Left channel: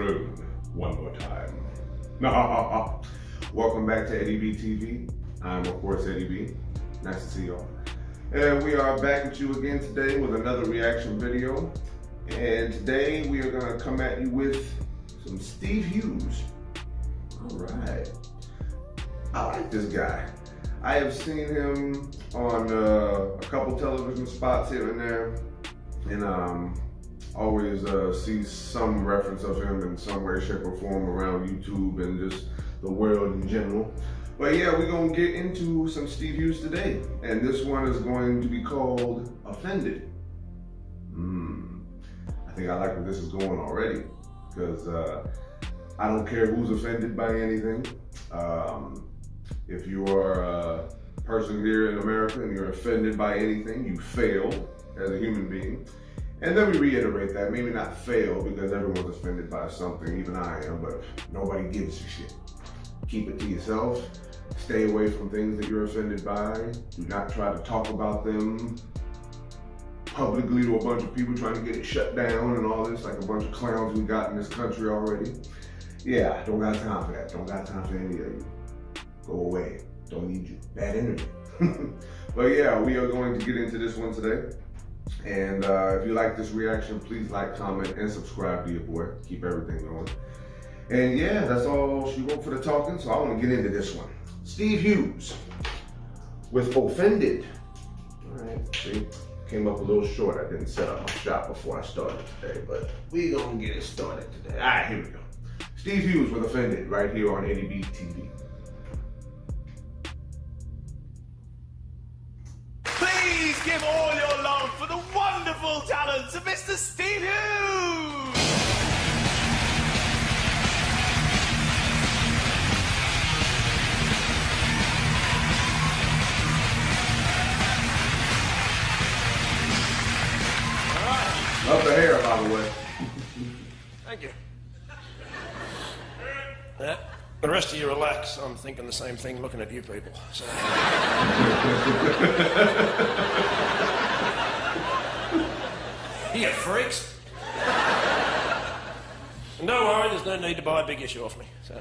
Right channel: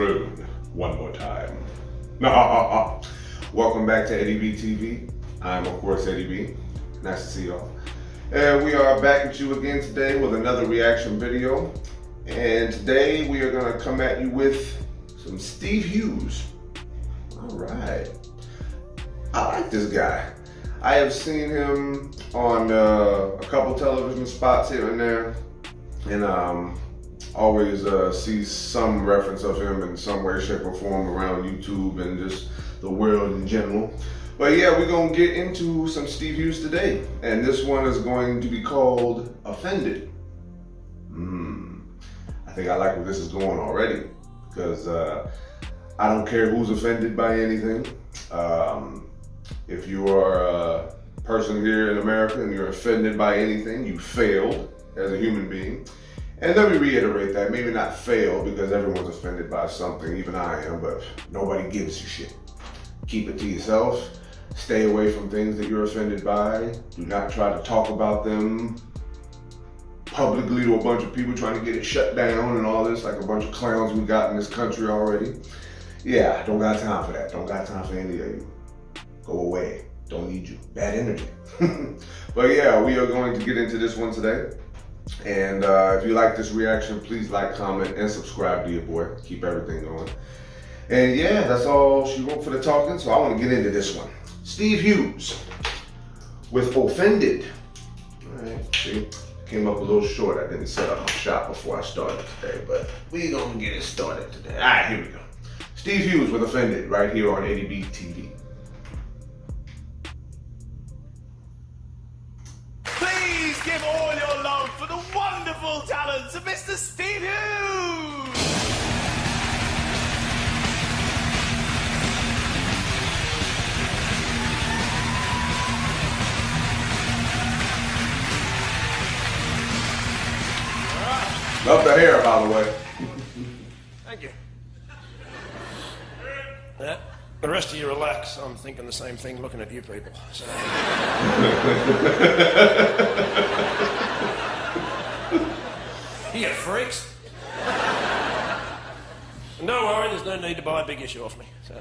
throne one more time. Welcome back to Eddie B TV. I'm of course Eddie B. Nice to see y'all. And we are back at you again today with another reaction video. And today we are gonna come at you with some Steve Hughes. All right. I like this guy. I have seen him on a couple television spots here and there, and always see some reference of him in some way, shape, or form around YouTube and just the world in general. But yeah, we're gonna get into some Steve Hughes today, and this one is going to be called Offended. I think I like where this is going already, because I don't care who's offended by anything. If you are a person here in America and you're offended by anything, you failed as a human being. And let me reiterate that, maybe not fail, because everyone's offended by something, even I am, but nobody gives a shit. Keep it to yourself. Stay away from things that you're offended by. Do not try to talk about them publicly to a bunch of people trying to get it shut down and all this, like a bunch of clowns we got in this country already. Yeah, don't got time for that. Don't got time for any of you. Go away. Don't need you. Bad energy. But yeah, we are going to get into this one today. And if you like this reaction, please like, comment, and subscribe to your boy. Keep everything going. And yeah, that's all she wrote for the talking, so I want to get into this one. Steve Hughes with Offended. All right, see, came up a little short. I didn't set up my shot before I started today, but we gonna get it started today. All right, here we go. Steve Hughes with Offended, right here on Eddie B TV. Please give all your love for the wonderful talents of Mr. Steve Hughes! Love the hair, by the way. Thank you. Yeah, the rest of you relax. I'm thinking the same thing looking at you people. So. You freaks. And don't worry, there's no need to buy a big issue off me. So.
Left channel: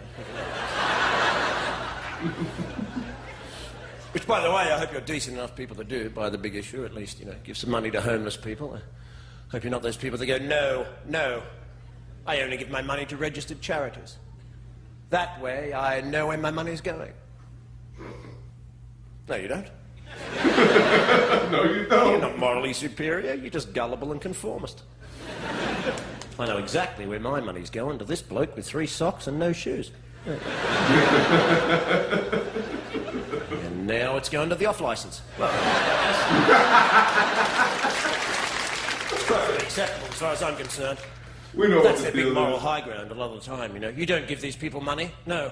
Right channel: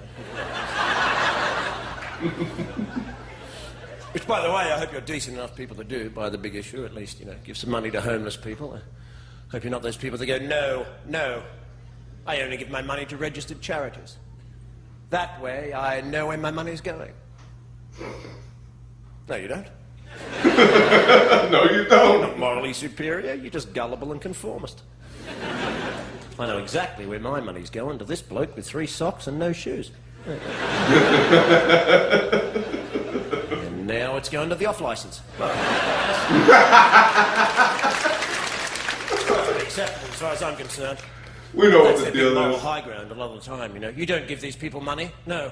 Which, by the way, I hope you're decent enough people to do buy the big issue. At least, you know, give some money to homeless people. I hope you're not those people that go, no, no, I only give my money to registered charities. That way, I know where my money's going. No, you don't. No, you don't. You're not morally superior, you're just gullible and conformist. I know exactly where my money's going, to this bloke with 3 socks and no shoes. And now it's going to the off-licence. Well, perfectly acceptable as far as I'm concerned. We know That's what their the big deal moral is. high ground a lot of the time, you know. You don't give these people money. No.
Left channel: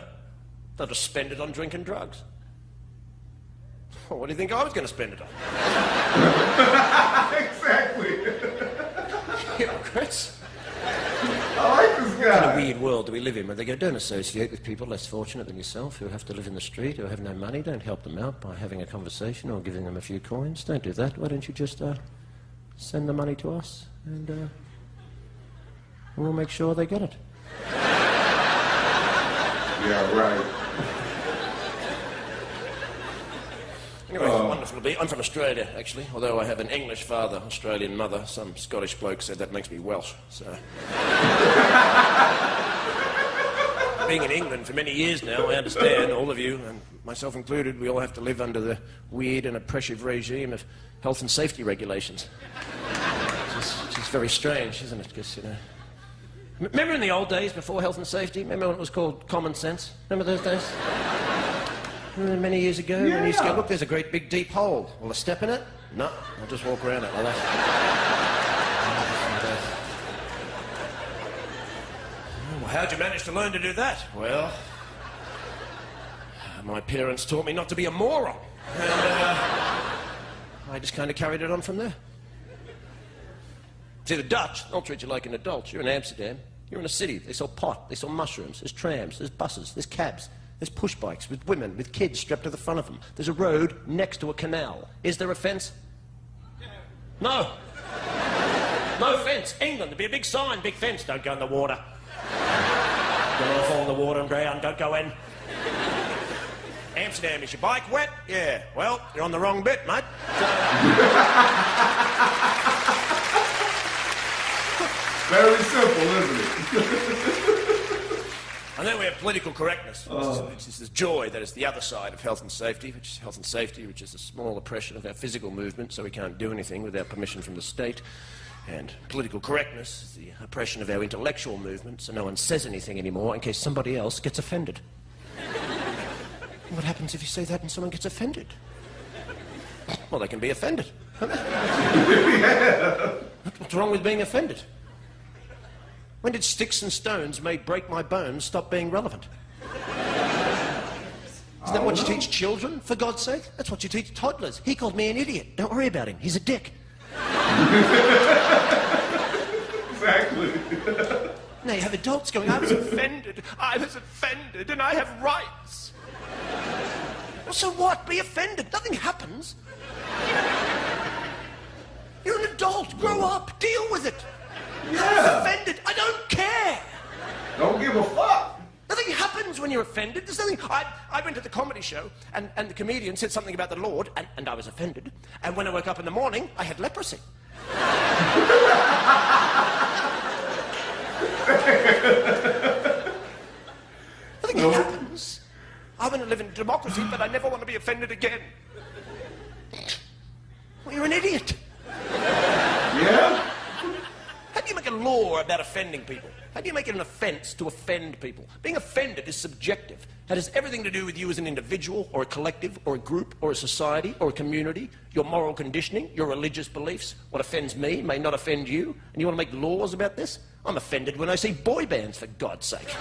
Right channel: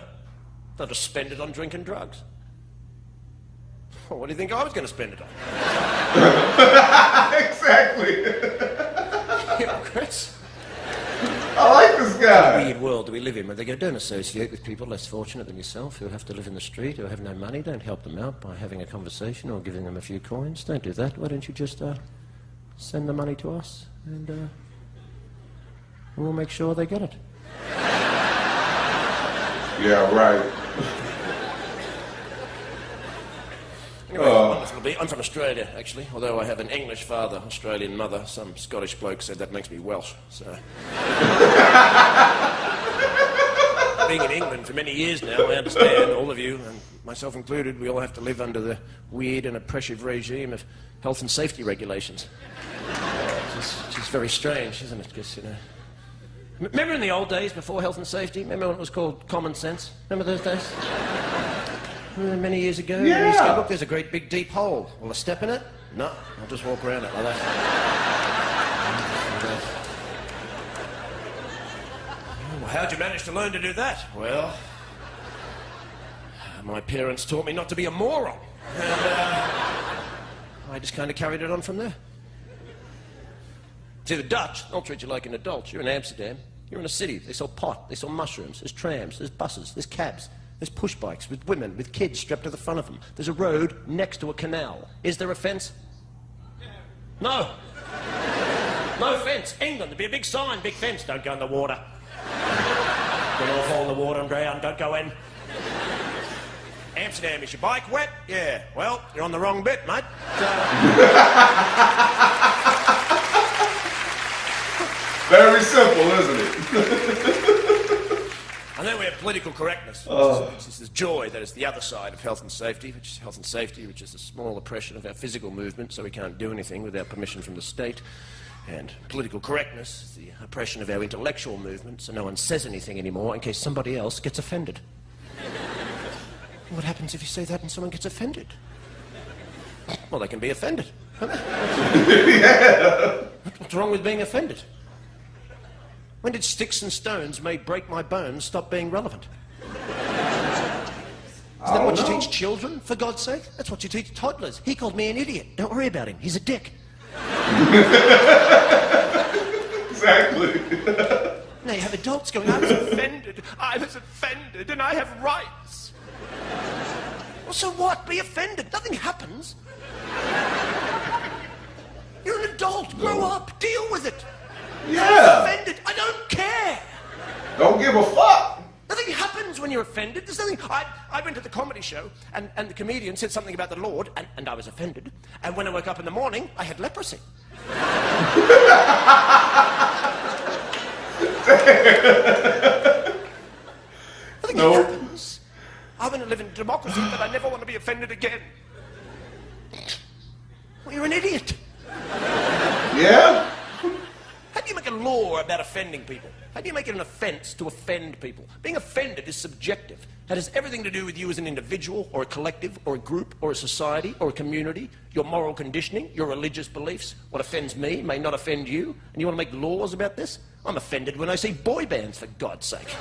They'll just spend it on drinking drugs. Well, what do you think I was going to spend it on? Exactly. Hypocrites. I like this What a guy. weird world do we live in where they go, don't associate with people less fortunate than yourself who have to live in the street, who have no money. Don't help them out by having a conversation or giving them a few coins. Don't do that. Why don't you just send the money to us and we'll make sure they get it. Yeah, right. Anyway, it's wonderful to be. I'm from Australia, actually, although I have an English father, Australian mother. Some Scottish bloke said that makes me Welsh, so... Being in England for many years now, I understand, all of you, and myself included, we all have to live under the weird and oppressive regime of health and safety regulations. Which is very strange, isn't it? Because, you know... Remember in the old days, before health and safety? Remember when it was called common sense? Remember those days? Many years ago, yeah. And you used to go, look, there's a great big deep hole. Will I step in it? No, I'll just walk around it like that. Well, how'd you manage to learn to do that? Well, my parents taught me not to be a moron. And I just kind of carried it on from there. See, the Dutch, they'll treat you like an adult. You're in Amsterdam. You're in a city. They sell pot. They sell mushrooms. There's trams. There's buses. There's cabs. There's push bikes with women, with kids strapped to the front of them. There's a road next to a canal. Is there a fence? No. No fence. England, there'd be a big sign, big fence. Don't go in the water. Don't all fall in the water and drown. Don't go in. Amsterdam, is your bike wet? Yeah. Well, you're on the wrong bit, mate. Very simple, isn't it? And then we have political correctness, which is the joy that is the other side of health and safety, which is health and safety, which is the small oppression of our physical movement, so we can't do anything without permission from the state. And political correctness is the oppression of our intellectual movement, so no one says anything anymore in case somebody else gets offended. What happens if you say that and someone gets offended? Well, they can be offended. Yeah. What's wrong with being offended? When did sticks and stones may break my bones stop being relevant? Is that what you teach children, for God's sake? That's what you teach toddlers. He called me an idiot. Don't worry about him. He's a dick. Exactly. Now you have adults going, I was offended, and I have rights. Well, so what? Be offended. Nothing happens. You're an adult. Grow up. Deal with it. Yeah. I was offended. I don't care. Don't give a fuck. Nothing happens when you're offended. There's nothing. I went to the comedy show, and the comedian said something about the Lord, and I was offended. And when I woke up in the morning, I had leprosy. Nothing happens. I want to live in democracy, but I never want to be offended again. Well, you're an idiot. Yeah? How do you make a law about offending people? How do you make it an offence to offend people? Being offended is subjective. It has everything to do with you as an individual, or a collective, or a group, or a society, or a community, your moral conditioning, your religious beliefs. What offends me may not offend you, and you want to make laws about this? I'm offended when I see boy bands, for God's sake.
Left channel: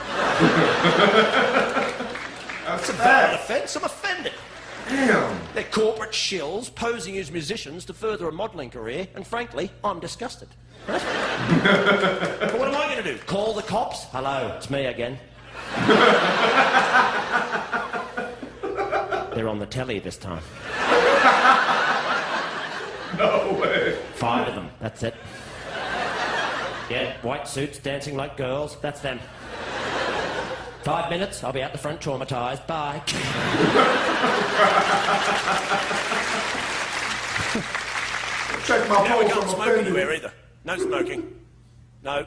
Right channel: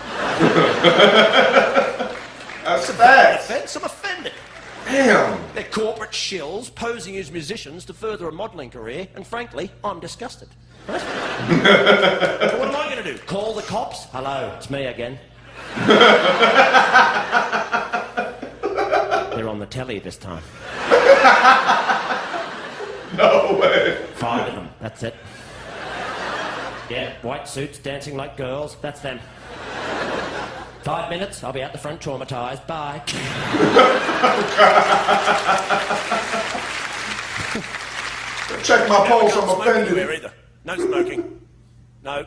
That's It's a valid facts. offence. I'm offended. Damn. They're corporate shills posing as musicians to further a modelling career, and frankly, I'm disgusted. Right? But what am I going to do? Call the cops? Hello, it's me again. They're on the telly this time. No way. 5 of them, that's it. Yeah, white suits dancing like girls, that's them. 5 minutes, I'll be out the front traumatised. Bye. Check my We pulse. can't I'm smoke offended. anywhere either. No smoking. No.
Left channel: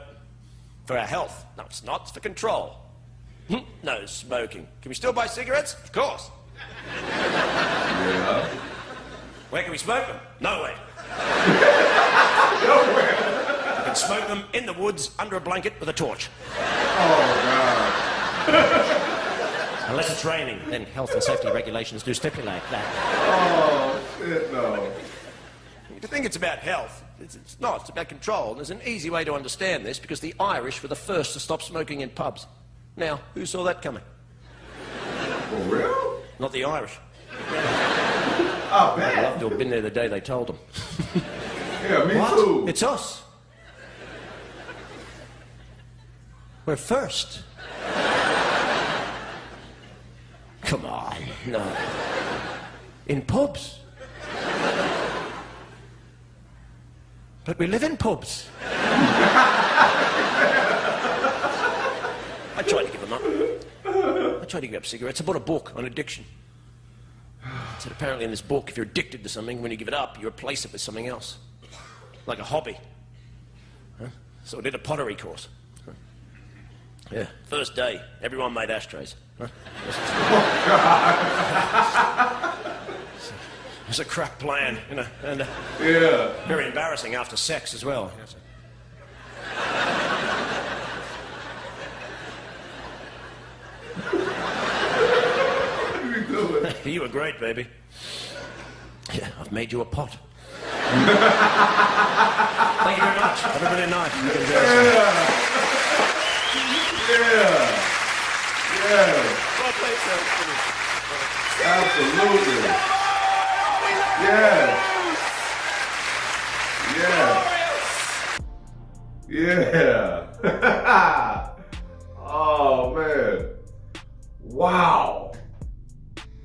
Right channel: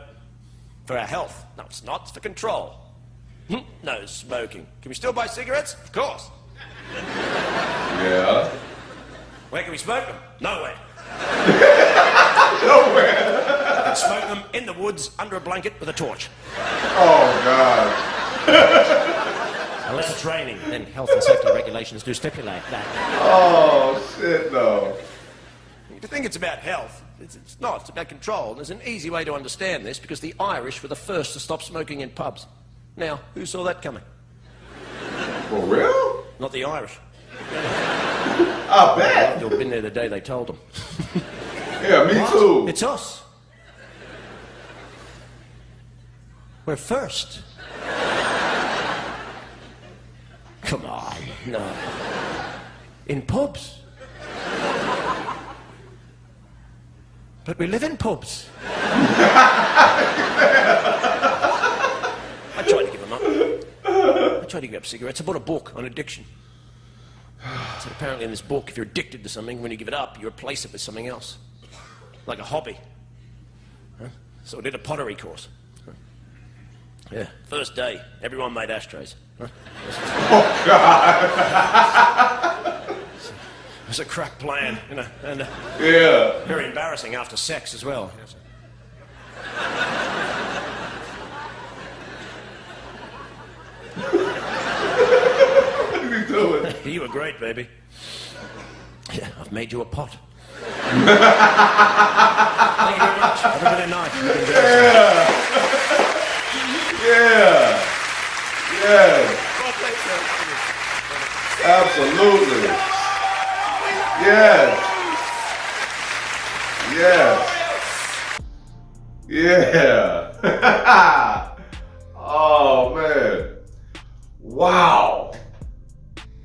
For our health. No, it's not. It's for control. No smoking. Can we still buy cigarettes? Of course. Yeah. Where can we smoke them? Nowhere. Nowhere. You can smoke them in the woods under a blanket with a torch. Oh, God. Unless it's raining, then health and safety regulations do stipulate that. Oh, shit, no. If you think it's about health, it's not. It's about control. And there's an easy way to understand this, because the Irish were the first to stop smoking in pubs. Now, who saw that coming? For real? Not the Irish. I I'd bet. love to have been there the day they told them. Yeah, me too. It's us. We're first. Come on, no. In pubs. But we live in pubs. I tried to give them up. I tried to give up cigarettes. I bought a book on addiction. It said apparently in this book, if you're addicted to something, when you give it up, you replace it with something else. Like a hobby. Huh? So I did a pottery course. Huh? Yeah, first day, everyone made ashtrays. Huh? Oh, God. It was a crap plan, you know, and Yeah. very embarrassing after sex as well. What are you doing? You were great, baby. Yeah, I've made you a pot. Thank you very much. Have a brilliant night. You can embarrass me. Yeah. Yeah. Well played, sir. Absolutely. Yes. Yes. Yeah. Oh, man. Wow.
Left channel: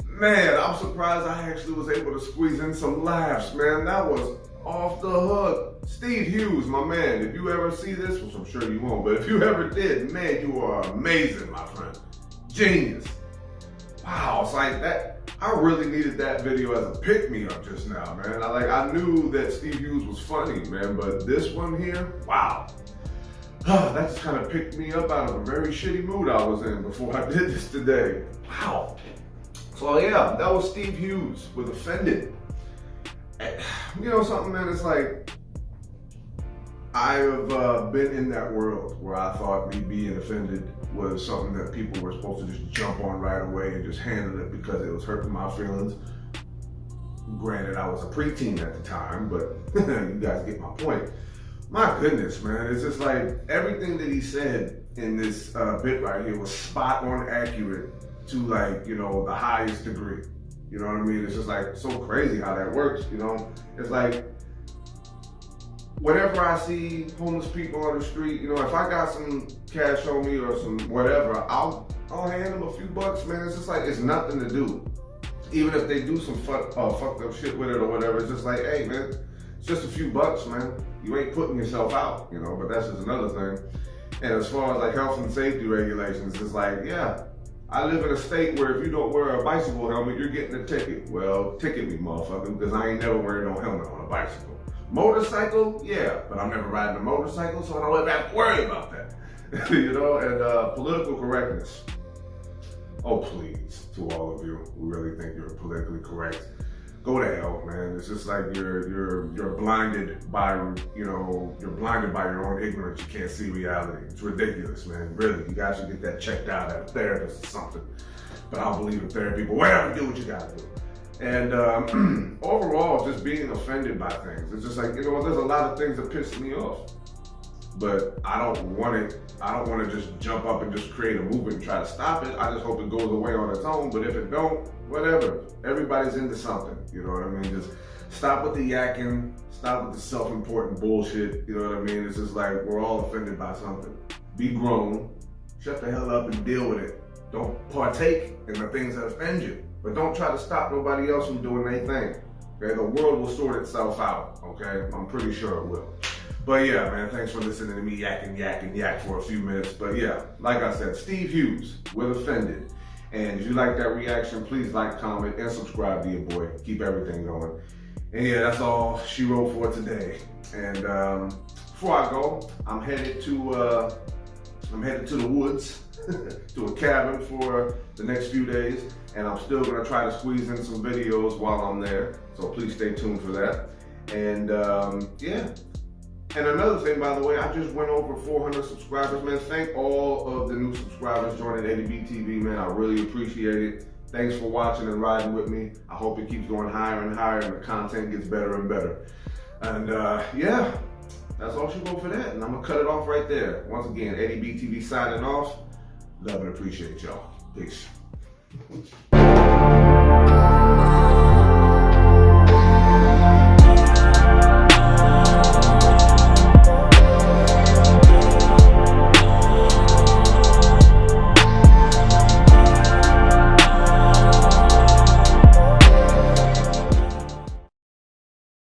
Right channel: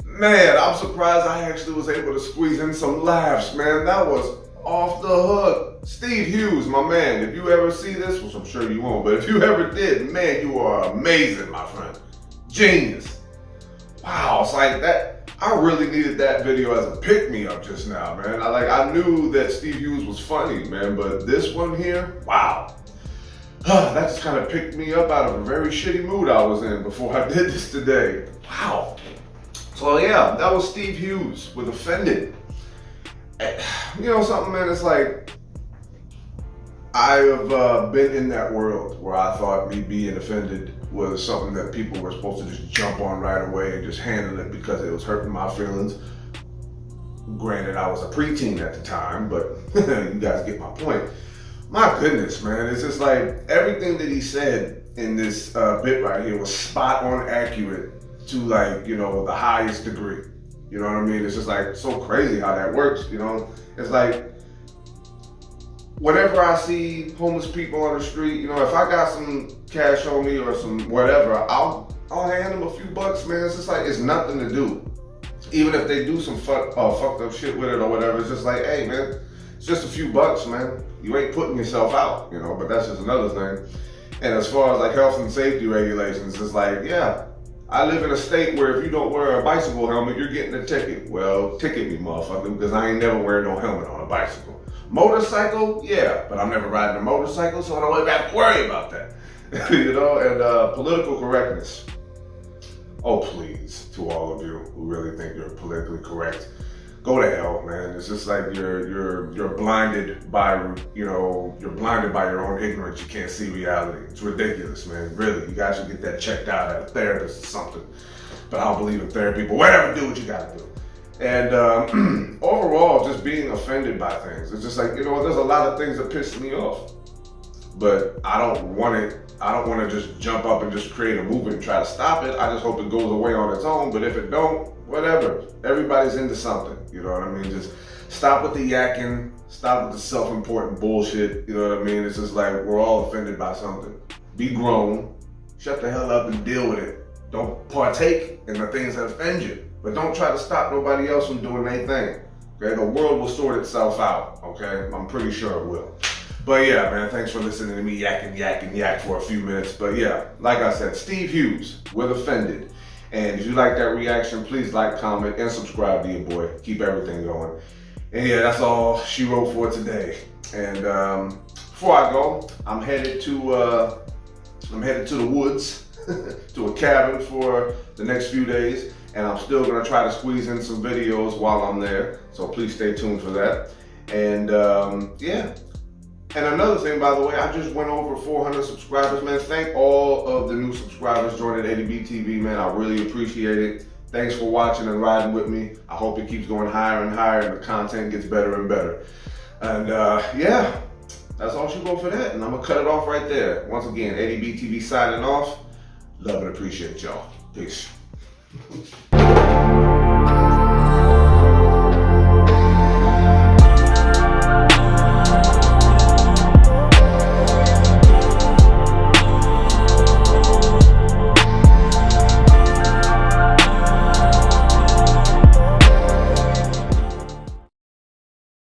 Man, I'm surprised I actually was able to squeeze in some laughs, man. That was off the hook. Steve Hughes, my man, if you ever see this, which I'm sure you won't, but if you ever did, man, you are amazing, my friend. Genius. Wow, it's like that. I really needed that video as a pick-me-up just now, man. I knew that Steve Hughes was funny, man, but this one here, wow. That just kind of picked me up out of a very shitty mood I was in before I did this today. Wow. So yeah, that was Steve Hughes with Offended. You know something, man, it's like, I have been in that world where I thought me being offended was something that people were supposed to just jump on right away and just handle it because it was hurting my feelings. Granted, I was a preteen at the time, but you guys get my point. My goodness, man, it's just like everything that he said in this bit right here was spot on accurate to, like, you know, the highest degree. You know what I mean? It's just like so crazy how that works, you know? It's like, whenever I see homeless people on the street, you know, if I got some cash on me or some whatever, I'll hand them a few bucks, man. It's just like, it's nothing to do. Even if they do some fucked up shit with it or whatever, it's just like, hey, man, it's just a few bucks, man. You ain't putting yourself out, you know, but that's just another thing. And as far as like health and safety regulations, it's like, yeah, I live in a state where if you don't wear a bicycle helmet, you're getting a ticket. Well, ticket me, motherfucker, because I ain't never wearing no helmet on a bicycle. Motorcycle, yeah, but I'm never riding a motorcycle, so I don't really have to worry about that. You know, and political correctness. Oh, please, to all of you who really think you're politically correct, go to hell, man. It's just like you're blinded by, you know, you're blinded by your own ignorance. You can't see reality. It's ridiculous, man. Really, you guys should get that checked out at a therapist or something. But I don't believe in therapy, but whatever, do what you gotta do. And overall, just being offended by things. It's just like, you know, there's a lot of things that piss me off, but I don't want to just jump up and just create a movement and try to stop it. I just hope it goes away on its own. But if it don't, whatever. Everybody's into something. You know what I mean? Just stop with the yakking. Stop with the self-important bullshit. You know what I mean? It's just like we're all offended by something. Be grown. Shut the hell up and deal with it. Don't partake in the things that offend you. But don't try to stop nobody else from doing their thing. Okay? The world will sort itself out. Okay? I'm pretty sure it will. But yeah, man, thanks for listening to me yak for a few minutes. But yeah, like I said, Steve Hughes with Offended. And if you like that reaction, please like, comment, and subscribe to your boy. Keep everything going. And yeah, that's all she wrote for today. And before I go, I'm headed to the woods, to a cabin for the next few days. And I'm still gonna try to squeeze in some videos while I'm there. So please stay tuned for that. And yeah. And another thing, by the way, I just went over 400 subscribers, man. Thank all of the new subscribers joining ADB TV, man. I really appreciate it. Thanks for watching and riding with me. I hope it keeps going higher and higher and the content gets better and better. And yeah, that's all she wrote for that. And I'm gonna cut it off right there. Once again, ADB TV signing off. Love and appreciate y'all. Peace.